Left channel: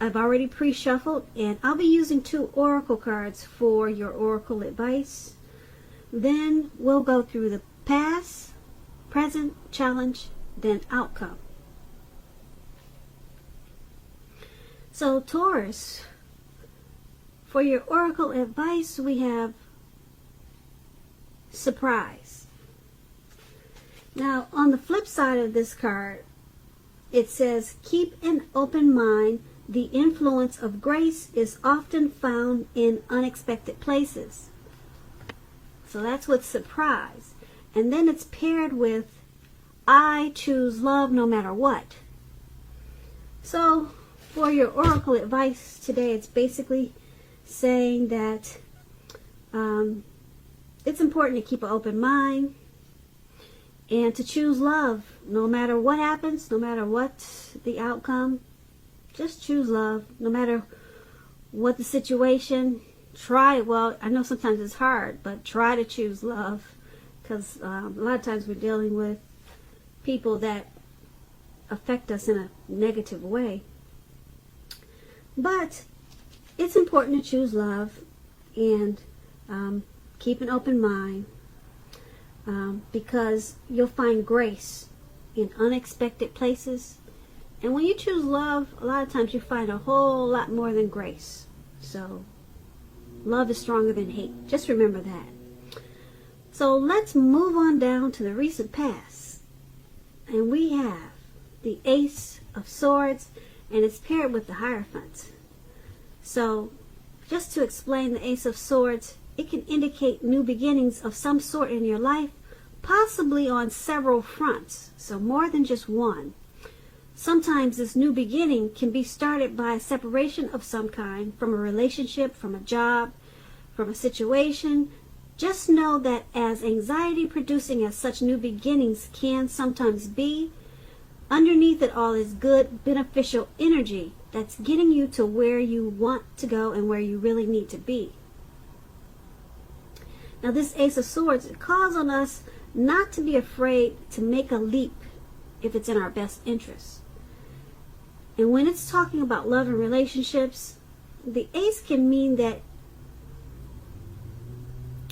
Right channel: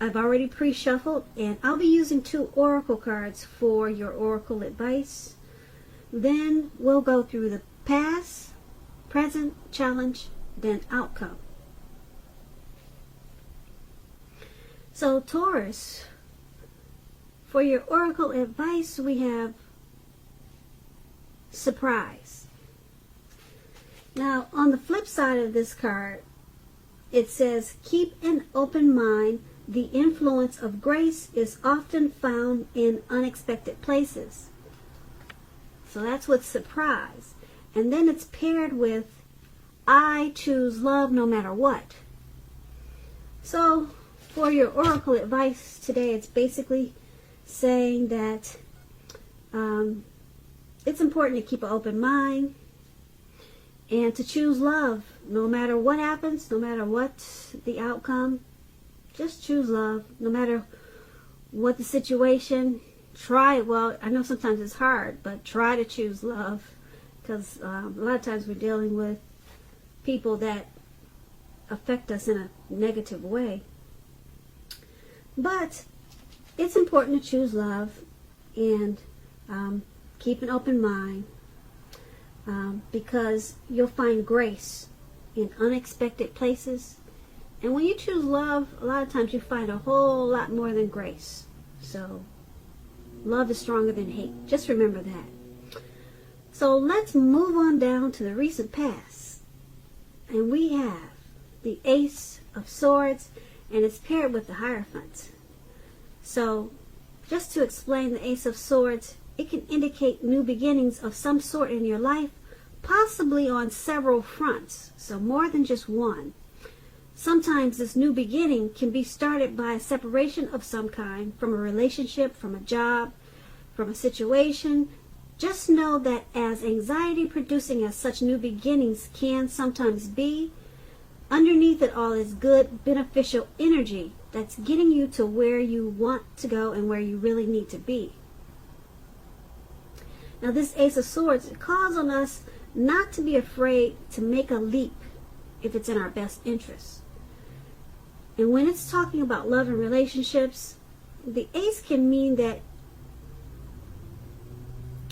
I've already pre-shuffled, and I'll be using 2 oracle cards for your oracle advice. Then we'll go through the past, present, challenge, then outcome. So Taurus, for your oracle advice, we have surprise. Now, on the flip side of this card, it says, keep an open mind. The influence of grace is often found in unexpected places. So that's with surprise. And then it's paired with, I choose love no matter what. So for your oracle advice today, it's basically saying that it's important to keep an open mind and to choose love no matter what happens, no matter what the outcome. Just choose love no matter what the situation. Try, well, I know sometimes it's hard, but try to choose love, because a lot of times we're dealing with people that affect us in a negative way. But it's important to choose love and keep an open mind, because you'll find grace in unexpected places. And when you choose love, a lot of times you find a whole lot more than grace. So love is stronger than hate. Just remember that. So let's move on down to the recent past. And we have the Ace of Swords, and it's paired with the Hierophant. So just to explain the Ace of Swords, it can indicate new beginnings of some sort in your life, possibly on several fronts. So more than just one. Sometimes this new beginning can be started by a separation of some kind, from a relationship, from a job, from a situation. Just know that as anxiety producing as such new beginnings can sometimes be, underneath it all is good, beneficial energy that's getting you to where you want to go and where you really need to be. Now this Ace of Swords, it calls on us not to be afraid to make a leap if it's in our best interest. And when it's talking about love and relationships, the Ace can mean that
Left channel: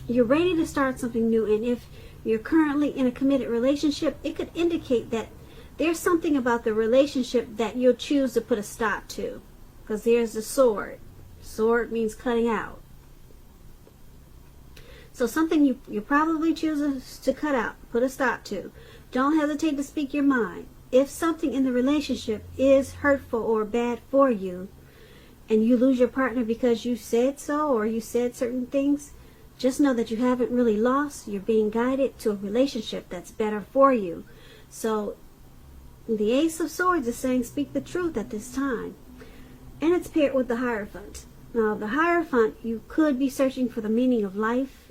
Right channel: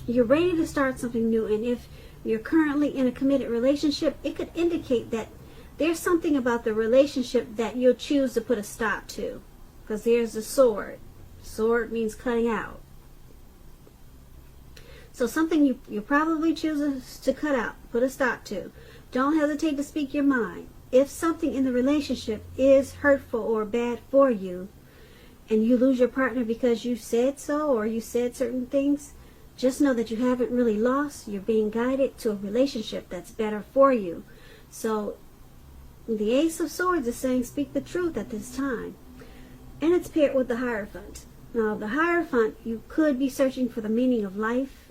you're ready to start something new. And if you're currently in a committed relationship, it could indicate that there's something about the relationship that you'll choose to put a stop to. Because there's a sword. Sword means cutting out. So something you probably choose to cut out, put a stop to. Don't hesitate to speak your mind. If something in the relationship is hurtful or bad for you, and you lose your partner because you said so, or you said certain things, just know that you haven't really lost. You're being guided to a relationship that's better for you. So the Ace of Swords is saying speak the truth at this time. And it's paired with the Hierophant. Now the Hierophant, you could be searching for the meaning of life,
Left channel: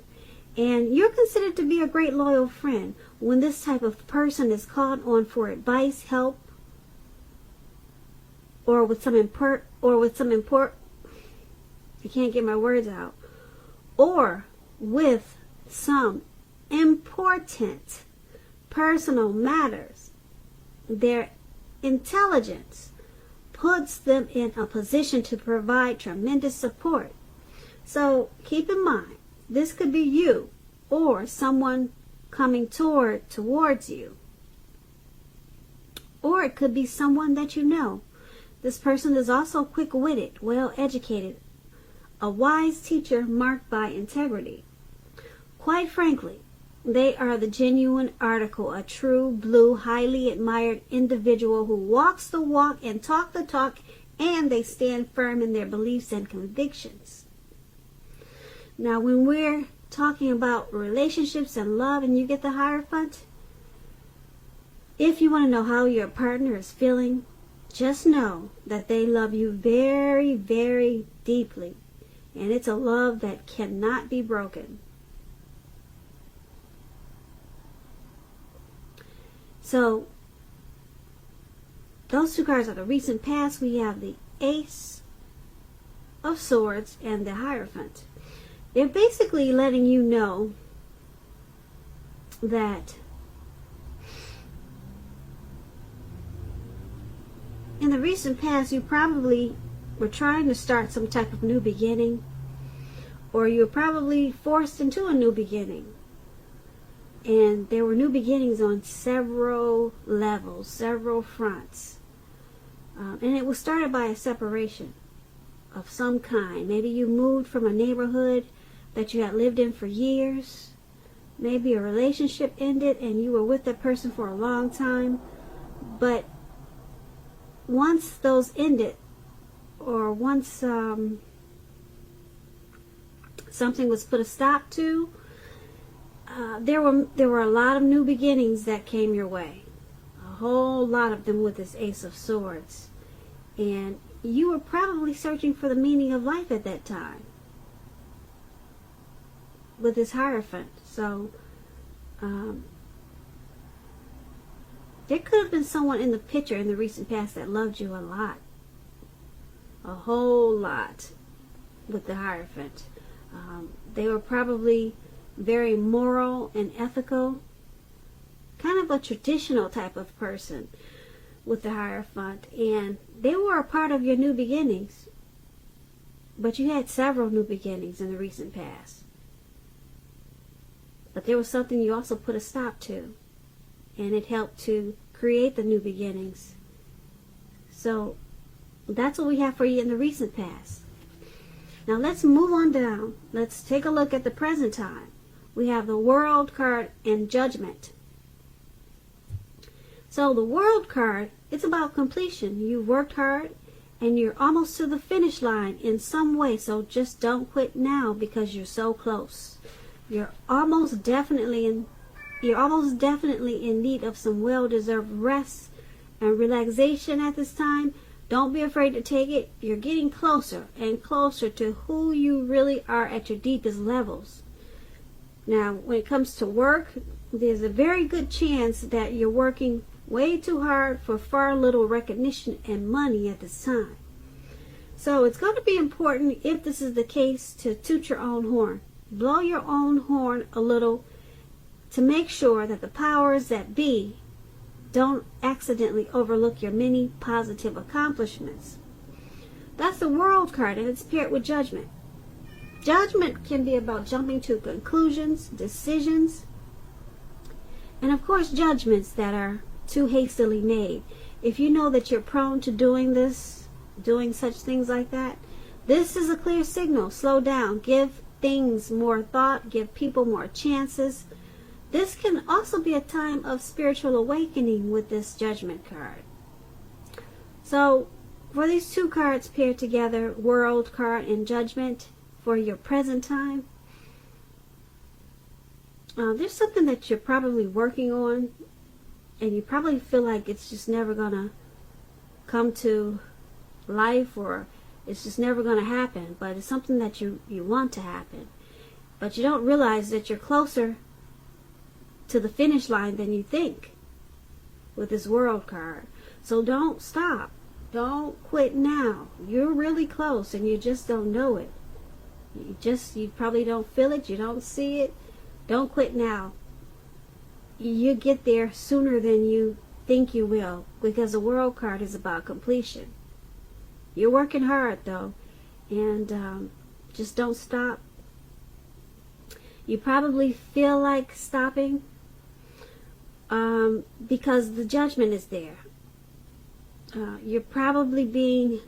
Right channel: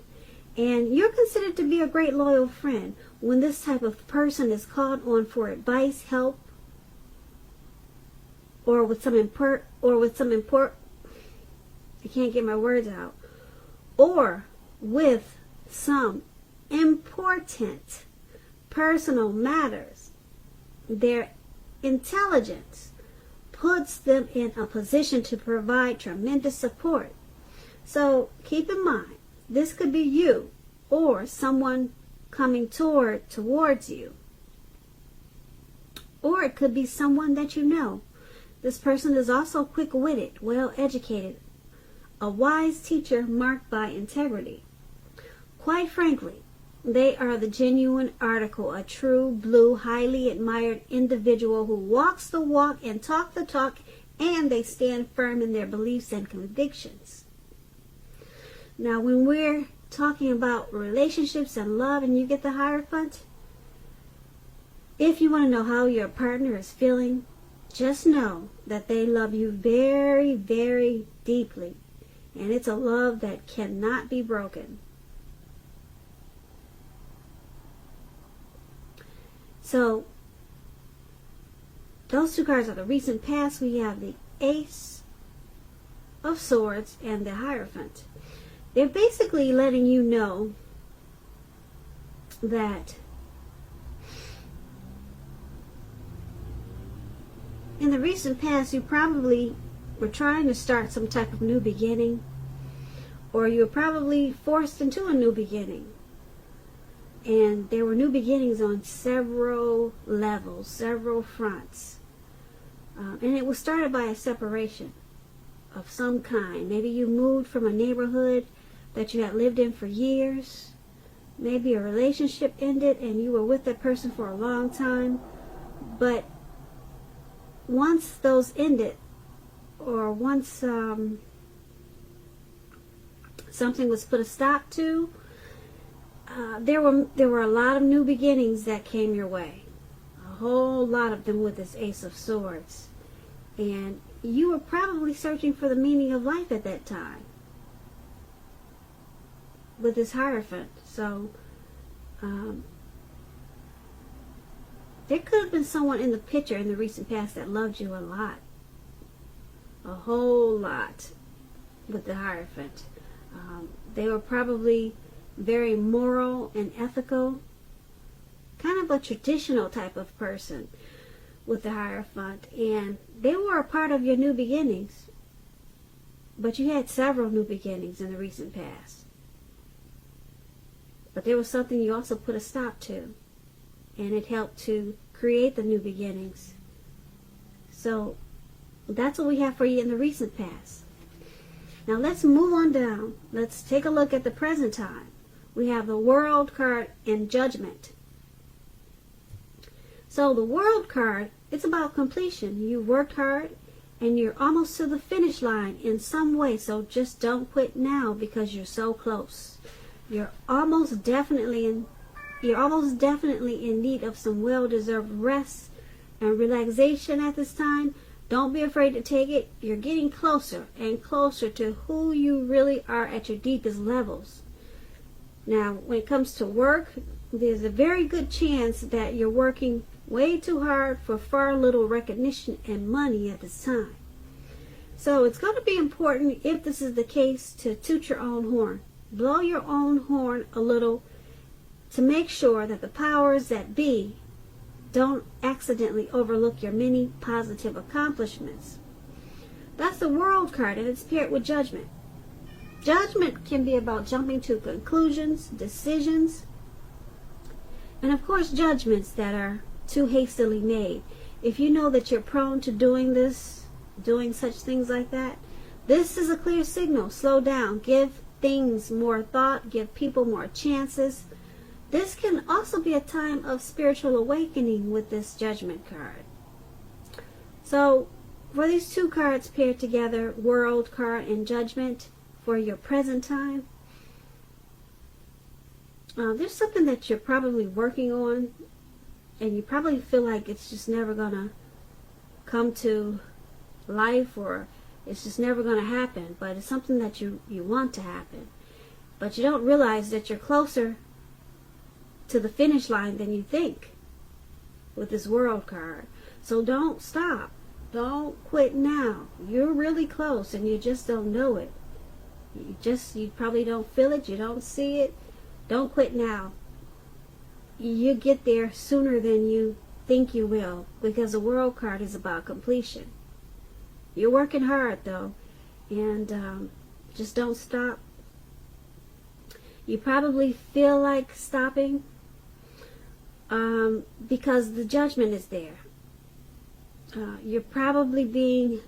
and you're considered to be a great loyal friend. When this type of person is called on for advice, help, or with some I can't get my words out, or with some important personal matters, their intelligence puts them in a position to provide tremendous support. So keep in mind, this could be you or someone coming towards you. Or it could be someone that you know. This person is also quick-witted, well-educated, a wise teacher marked by integrity. Quite frankly, they are the genuine article, a true blue, highly admired individual who walks the walk and talk the talk, and they stand firm in their beliefs and convictions. Now, when we're talking about relationships and love and you get the Hierophant, if you want to know how your partner is feeling, just know that they love you very, very deeply. And it's a love that cannot be broken. So, those two cards are the recent past. We have the Ace of Swords and the Hierophant. They're basically letting you know that in the recent past, you probably were trying to start some type of new beginning, or you were probably forced into a new beginning. And there were new beginnings on several levels, several fronts. And it was started by a separation of some kind. Maybe you moved from a neighborhood that you had lived in for years. Maybe a relationship ended and you were with that person for a long time. But once those ended, or once something was put a stop to, there were a lot of new beginnings that came your way. A whole lot of them with this Ace of Swords. And you were probably searching for the meaning of life at that time with this Hierophant. So there could have been someone in the picture in the recent past that loved you a lot. A whole lot with the Hierophant. They were probably very moral and ethical, kind of a traditional type of person with the Hierophant, and they were a part of your new beginnings. But you had several new beginnings in the recent past. But there was something you also put a stop to, and it helped to create the new beginnings. So that's what we have for you in the recent past. Now let's move on down. Let's take a look at the present time. We have the World card and Judgment. So the World card, it's about completion. You worked hard and you're almost to the finish line in some way. So just don't quit now because you're so close. You're almost definitely in need of some well-deserved rest and relaxation at this time. Don't be afraid to take it. You're getting closer and closer to who you really are at your deepest levels. Now, when it comes to work, there's a very good chance that you're working way too hard for far little recognition and money at this time. So it's going to be important, if this is the case, to toot your own horn. Blow your own horn a little to make sure that the powers that be don't accidentally overlook your many positive accomplishments. That's the World card, and it's paired with Judgment. Judgment can be about jumping to conclusions, decisions, and of course judgments that are too hastily made. If you know that you're prone to doing such things like that, this is a clear signal. Slow down. Give things more thought. Give people more chances. This can also be a time of spiritual awakening with this Judgment card. So for these two cards paired together, World card and Judgment, for your present time, there's something that you're probably working on, and you probably feel like it's just never gonna come to life, or it's just never gonna happen, but it's something that you want to happen, but you don't realize that you're closer to the finish line than you think with this World card. So don't stop. Don't quit now. You're really close and you just don't know it. You probably don't feel it. You don't see it. Don't quit now. You get there sooner than you think you will, because the World card is about completion. You're working hard though, and just don't stop. You probably feel like stopping because the Judgment is there. You're probably being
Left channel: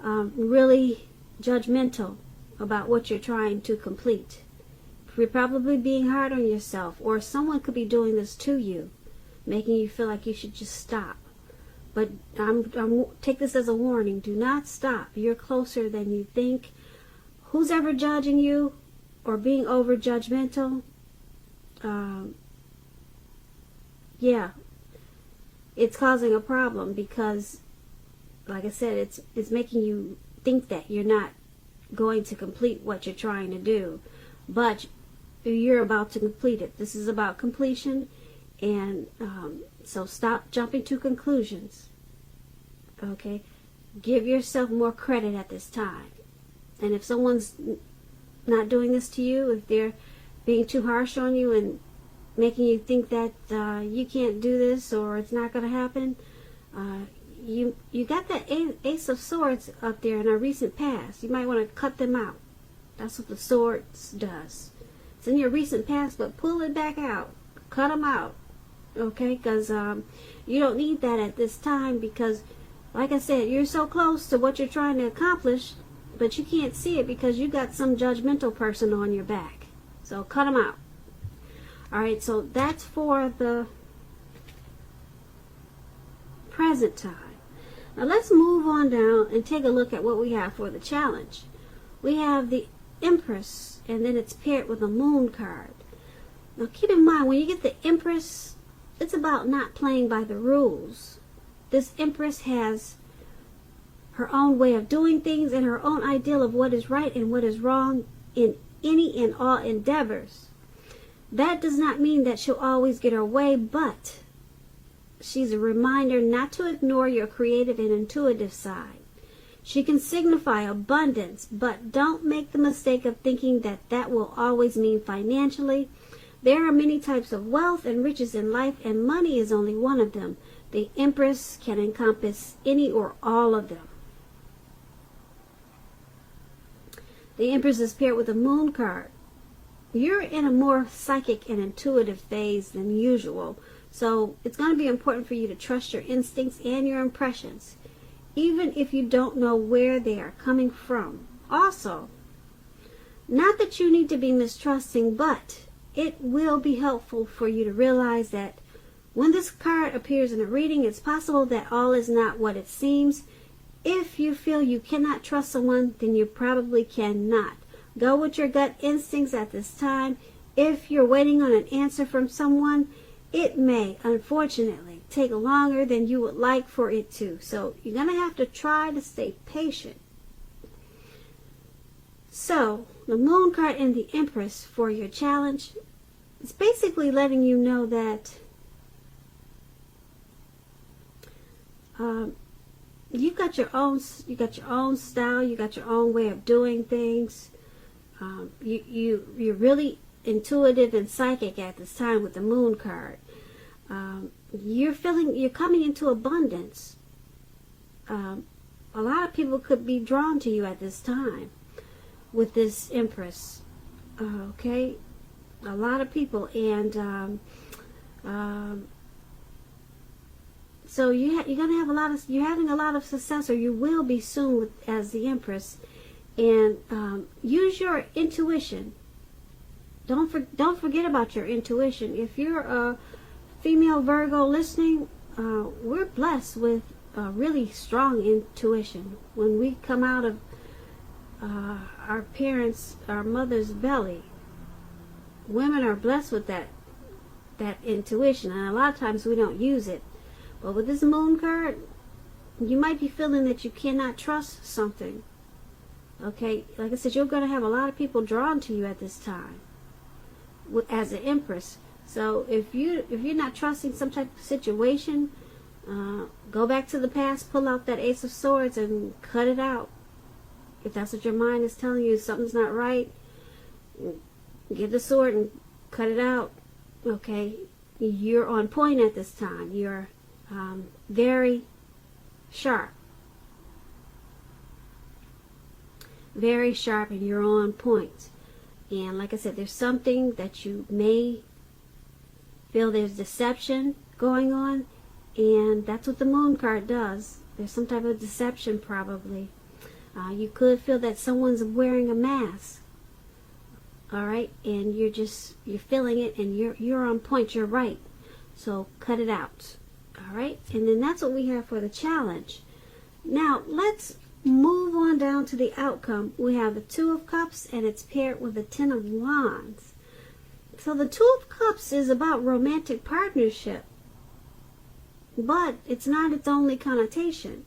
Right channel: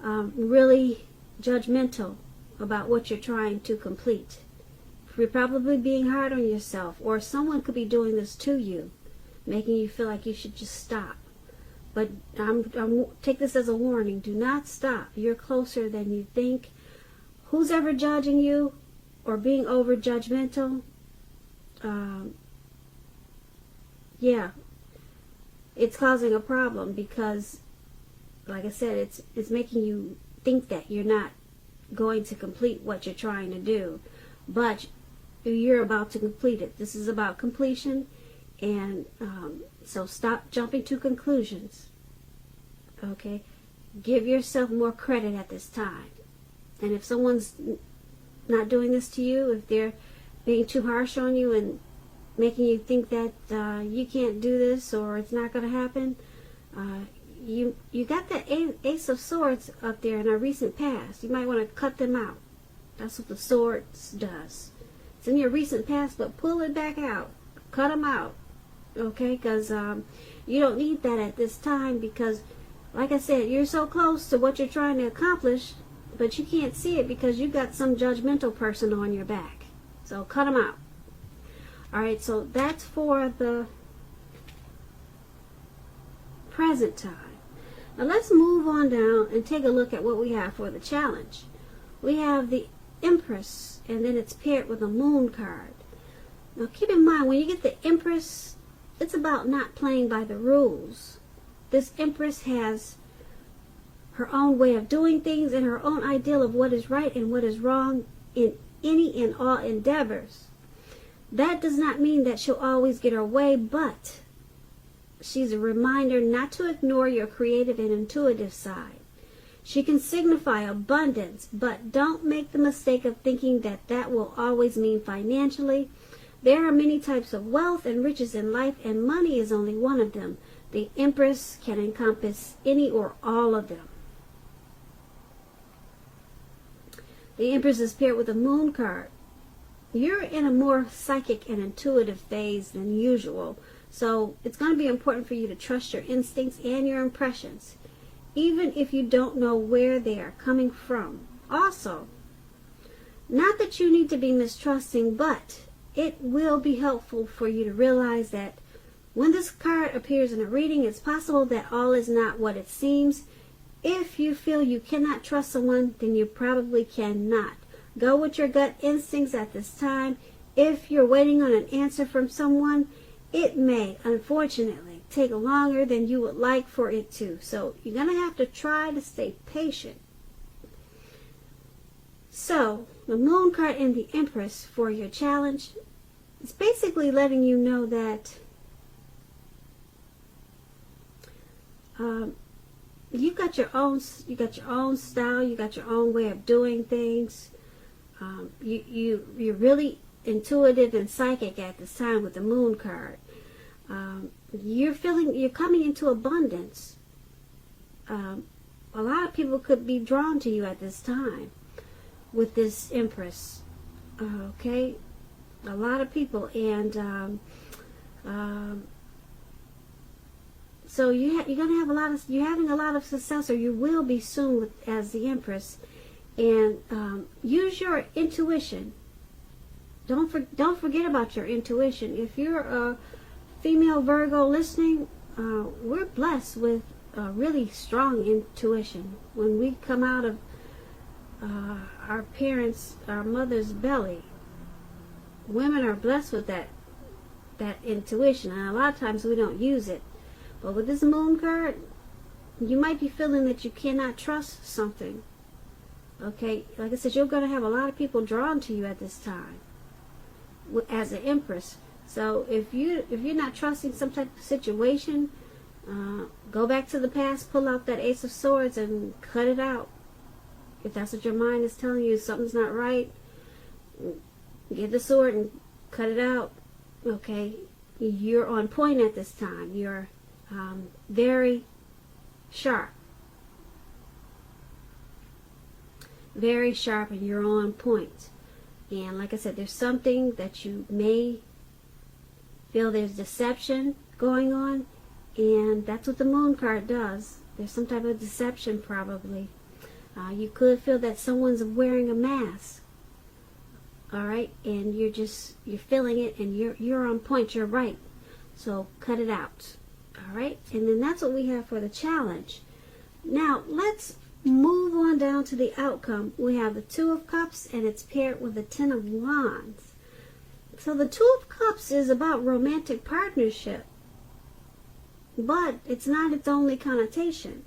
really judgmental about what you're trying to complete. You're probably being hard on yourself, or someone could be doing this to you, making you feel like you should just stop. But take this as a warning. Do not stop. You're closer than you think. Who's ever judging you or being over judgmental? Yeah, it's causing a problem, because, like I said, it's making you think that you're not going to complete what you're trying to do, but you're about to complete it. This is about completion, and so stop jumping to conclusions. Okay, give yourself more credit at this time. And if someone's not doing this to you, if they're being too harsh on you and making you think that you can't do this or it's not going to happen, you got the Ace of Swords up there in our recent past. You might want to cut them out. That's what the Swords does. It's in your recent past, but pull it back out. Cut them out. Okay? Because you don't need that at this time because, like I said, you're so close to what you're trying to accomplish, but you can't see it because you got some judgmental person on your back. So cut them out. Alright, so that's for the present time. Now let's move on down and take a look at what we have for the challenge. We have the Empress, and then it's paired with a Moon card. Now keep in mind, when you get the Empress, it's about not playing by the rules. This Empress has her own way of doing things and her own ideal of what is right and what is wrong in any and all endeavors. That does not mean that she'll always get her way, but she's a reminder not to ignore your creative and intuitive side. She can signify abundance, but don't make the mistake of thinking that that will always mean financially. There are many types of wealth and riches in life, and money is only one of them. The Empress can encompass any or all of them. The Empress is paired with a Moon card. You're in a more psychic and intuitive phase than usual, so it's going to be important for you to trust your instincts and your impressions, even if you don't know where they are coming from. Also, not that you need to be mistrusting, but it will be helpful for you to realize that when this card appears in a reading, it's possible that all is not what it seems. If you feel you cannot trust someone, then you probably cannot. Go with your gut instincts at this time. If you're waiting on an answer from someone, it may, unfortunately, take longer than you would like for it to. So you're going to have to try to stay patient. So, the Moon card and the Empress for your challenge, it's basically letting you know that you got your own style, you got your own way of doing things. You're really intuitive and psychic at this time with the Moon card. You're coming into abundance. A lot of people could be drawn to you at this time with this Empress. Okay, a lot of people, and so you're having a lot of success, or you will be soon as the Empress. And use your intuition. Don't forget about your intuition. If you're a female Virgo listening, we're blessed with a really strong intuition. When we come out of our mother's belly, women are blessed with that intuition, and a lot of times we don't use it. But with this Moon card, you might be feeling that you cannot trust something. Okay, like I said, you're going to have a lot of people drawn to you at this time as an Empress. So if you're not trusting some type of situation, go back to the past, pull out that Ace of Swords and cut it out. If that's what your mind is telling you, something's not right, get the sword and cut it out. Okay, you're on point at this time. You're very sharp. Very sharp, and you're on point. And like I said, there's something that you may feel there's deception going on, and that's what the Moon card does. There's some type of deception probably. You could feel that someone's wearing a mask. Alright, and you're feeling it, and you're on point, you're right. So cut it out. Alright, and then that's what we have for the challenge. Now let's move on down to the outcome. We have the Two of Cups, and it's paired with the Ten of Wands. So the Two of Cups is about romantic partnership, but it's not its only connotation.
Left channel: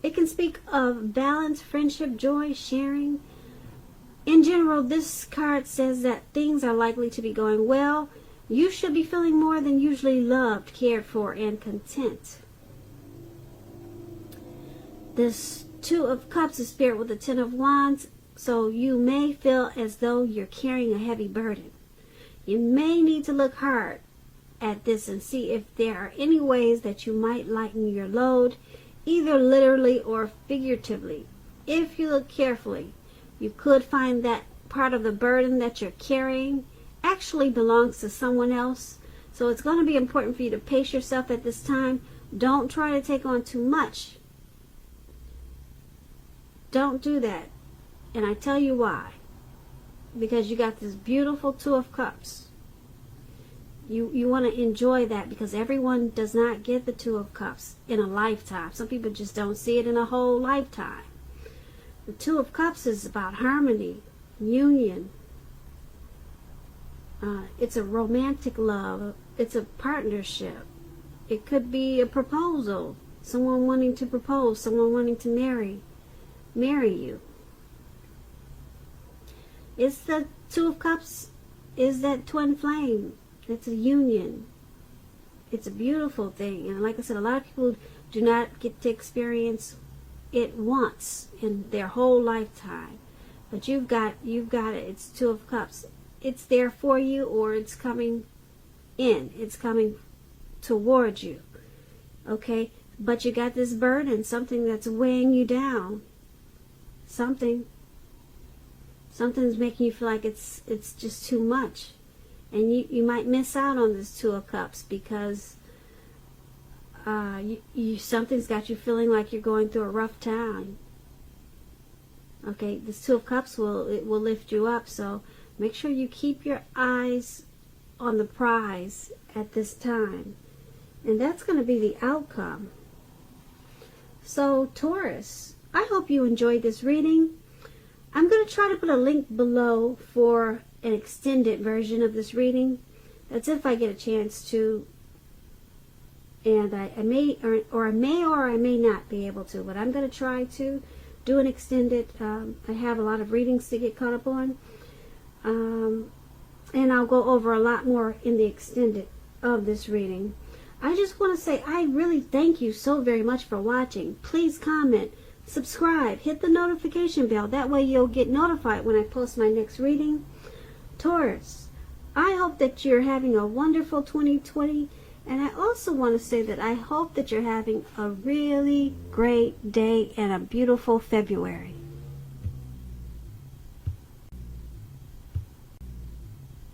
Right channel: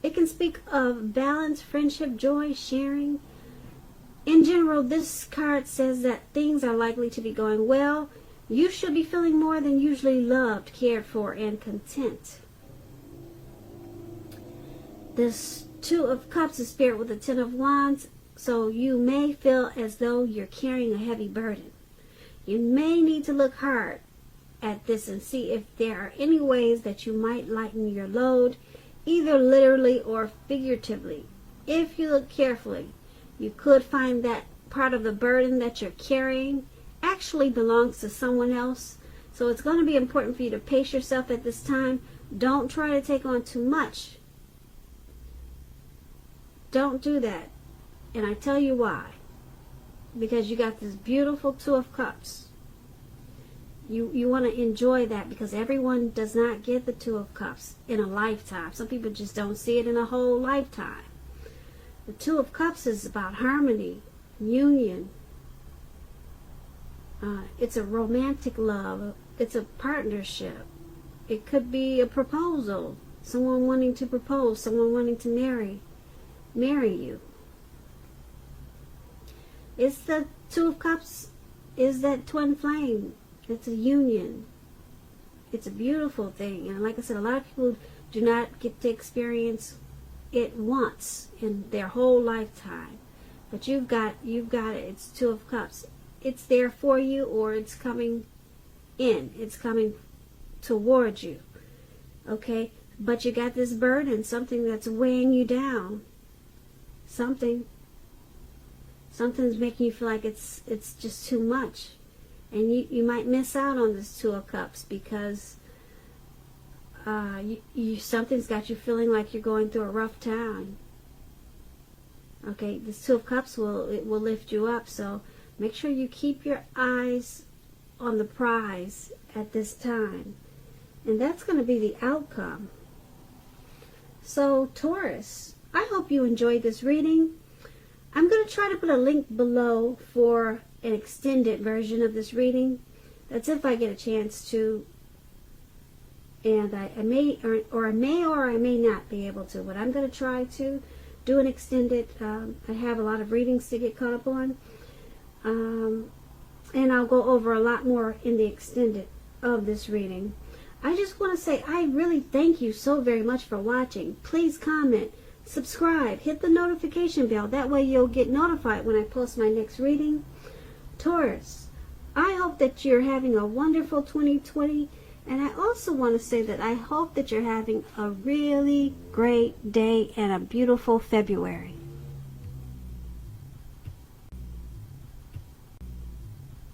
It can speak of balance, friendship, joy, sharing. In general, this card says that things are likely to be going well. You should be feeling more than usually loved, cared for, and content. This Two of Cups is paired with the Ten of Wands, so you may feel as though you're carrying a heavy burden. You may need to look hard at this and see if there are any ways that you might lighten your load. either literally or figuratively. If you look carefully, you could find that part of the burden that you're carrying actually belongs to someone else. So it's going to be important for you to pace yourself at this time. Don't try to take on too much. Don't do that. And I tell you why. Because you got this beautiful Two of Cups. You want to enjoy that, because everyone does not get the Two of Cups in a lifetime. Some people just don't see it in a whole lifetime. The Two of Cups is about harmony, union. It's a romantic love. It's a partnership. It could be a proposal. Someone wanting to propose. Someone wanting to marry you. It's the Two of Cups is that twin flame. It's a union. It's a beautiful thing. And like I said, a lot of people do not get to experience it once in their whole lifetime. But you've got it. It's Two of Cups. It's there for you, or it's coming in. It's coming towards you. Okay? But you got this burden, something that's weighing you down. Something's making you feel like it's just too much. And you might miss out on this Two of Cups because something's got you feeling like you're going through a rough time. Okay, this Two of Cups will lift you up. So make sure you keep your eyes on the prize at this time. And that's going to be the outcome. So Taurus, I hope you enjoyed this reading. I'm going to try to put a link below for an extended version of this reading. That's if I get a chance to. And I may or I may not be able to. But I'm going to try to do an extended. I have a lot of readings to get caught up on. And I'll go over a lot more in the extended of this reading. I just want to say I really thank you so very much for watching. Please comment, subscribe, hit the notification bell. That way you'll get notified when I post my next reading. Taurus, I hope that you're having a wonderful 2020. And I also want to say that I hope that you're having a really great day and a beautiful February.